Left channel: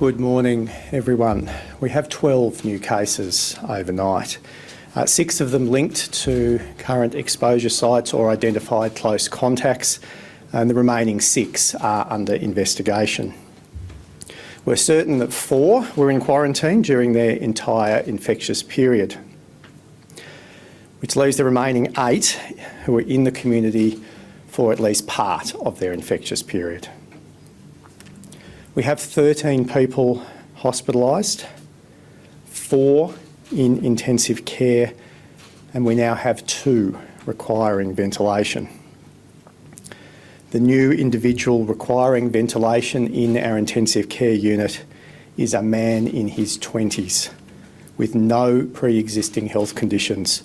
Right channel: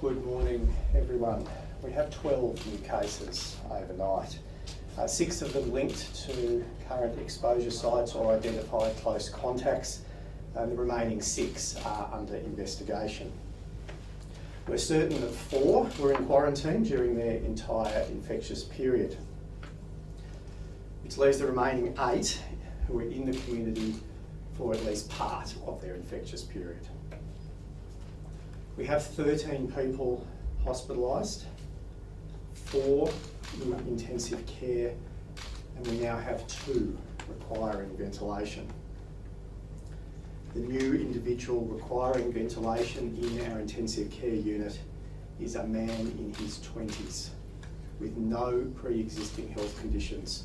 Good morning, everyone. We have 12 new cases overnight. 6 of them linked to current exposure sites or identified close contacts, and the remaining 6 are under investigation. We're certain that 4 were in quarantine during their entire infectious period, which leaves the remaining 8 who are in the community for at least part of their infectious period. We have 13 people hospitalised, 4 in intensive care, and we now have 2 requiring ventilation. The new individual requiring ventilation in our intensive care unit is a man in his 20s with no pre-existing health conditions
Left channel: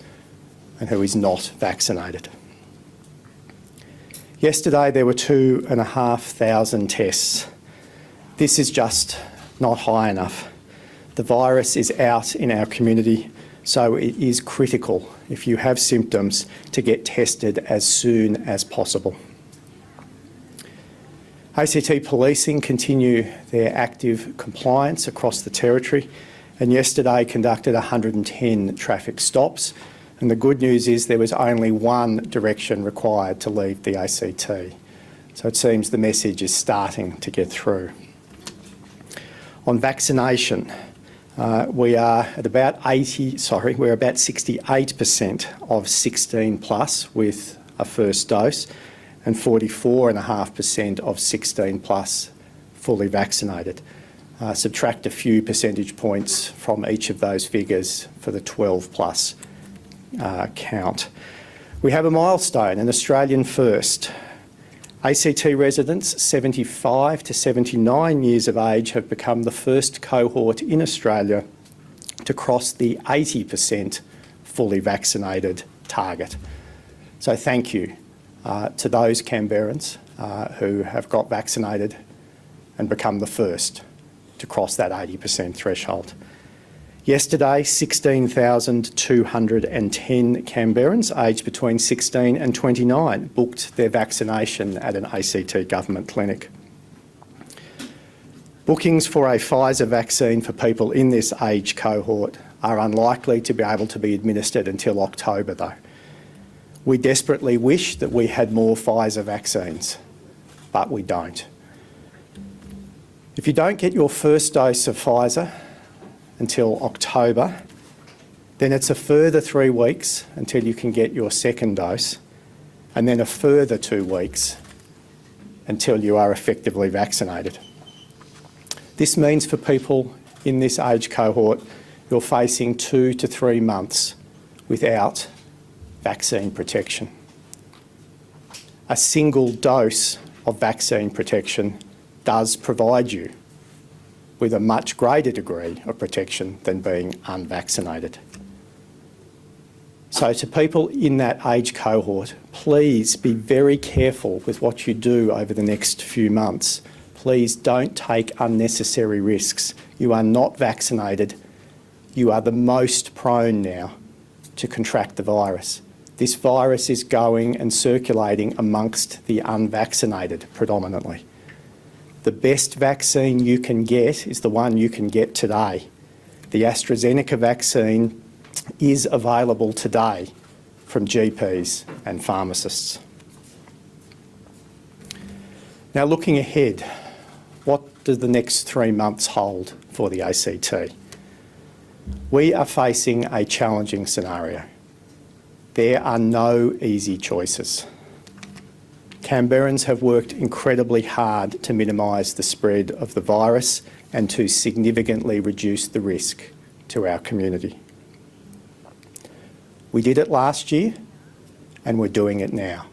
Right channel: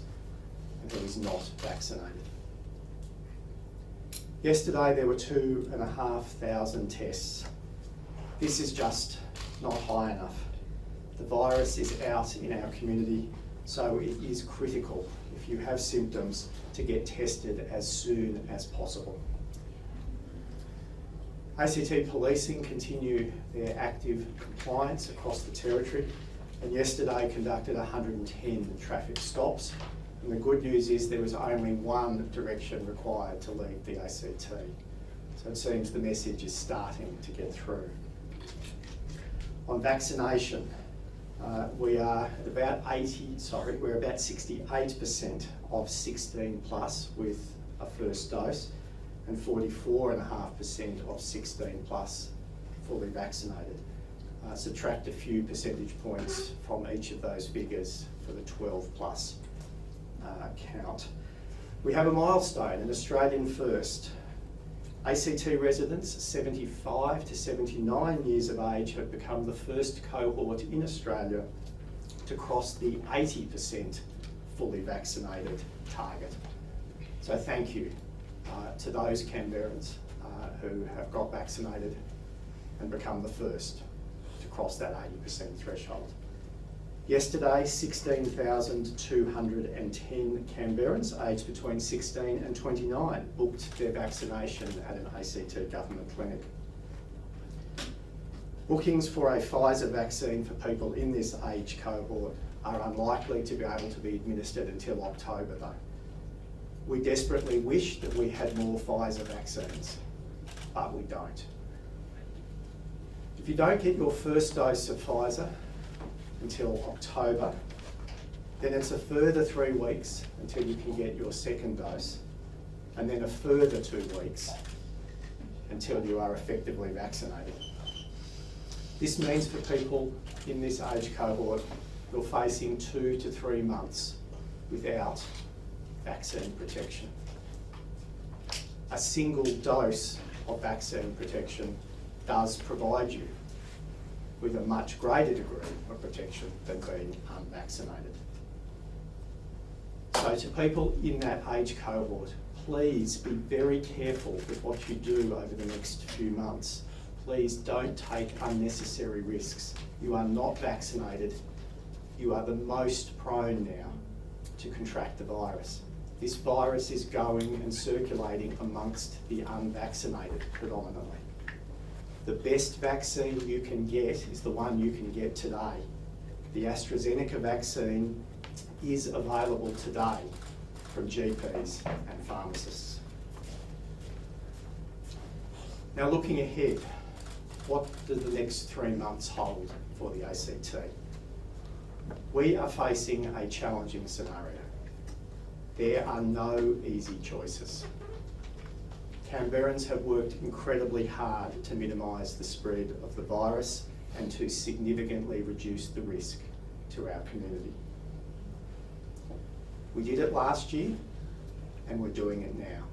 and who is not vaccinated. Yesterday there were 2,500 tests. This is just not high enough. The virus is out in our community, so it is critical, if you have symptoms, to get tested as soon as possible. ACT policing continue their active compliance across the territory, and yesterday conducted 110 traffic stops, and the good news is there was only 1 direction required to leave the ACT. So it seems the message is starting to get through. On vaccination, we are at about 68% of 16 plus with a first dose, and 44.5% of 16 plus fully vaccinated. Subtract a few percentage points from each of those figures for the 12 plus count. We have a milestone, an Australian first. ACT residents 75 to 79 years of age have become the first cohort in Australia to cross the 80% fully vaccinated target. So thank you to those Canberrans who have got vaccinated and become the first to cross that 80% threshold. Yesterday, 16,210 Canberrans aged between 16 and 29 booked their vaccination at an ACT government clinic. Bookings for a Pfizer vaccine for people in this age cohort are unlikely to be able to be administered until October though. We desperately wish that we had more Pfizer vaccines, but we don't. If you don't get your first dose of Pfizer until October, then it's a further 3 weeks until you can get your second dose, and then a further 2 weeks until you are effectively vaccinated. This means for people in this age cohort, you're facing 2 to 3 months without vaccine protection. A single dose of vaccine protection does provide you with a much greater degree of protection than being unvaccinated. So to people in that age cohort, please be very careful with what you do over the next few months. Please don't take unnecessary risks. You are not vaccinated. You are the most prone now to contract the virus. This virus is going and circulating amongst the unvaccinated predominantly. The best vaccine you can get is the one you can get today. The AstraZeneca vaccine is available today from GPs and pharmacists. Now looking ahead, what do the next 3 months hold for the ACT? We are facing a challenging scenario. There are no easy choices. Canberrans have worked incredibly hard to minimise the spread of the virus and to significantly reduce the risk to our community. We did it last year and we're doing it now.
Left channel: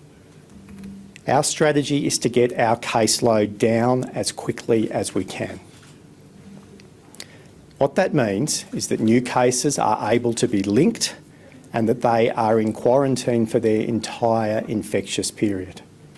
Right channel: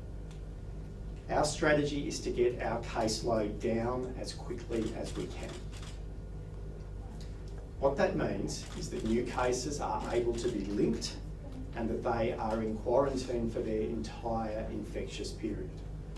Our strategy is to get our caseload down as quickly as we can. What that means is that new cases are able to be linked and that they are in quarantine for their entire infectious period.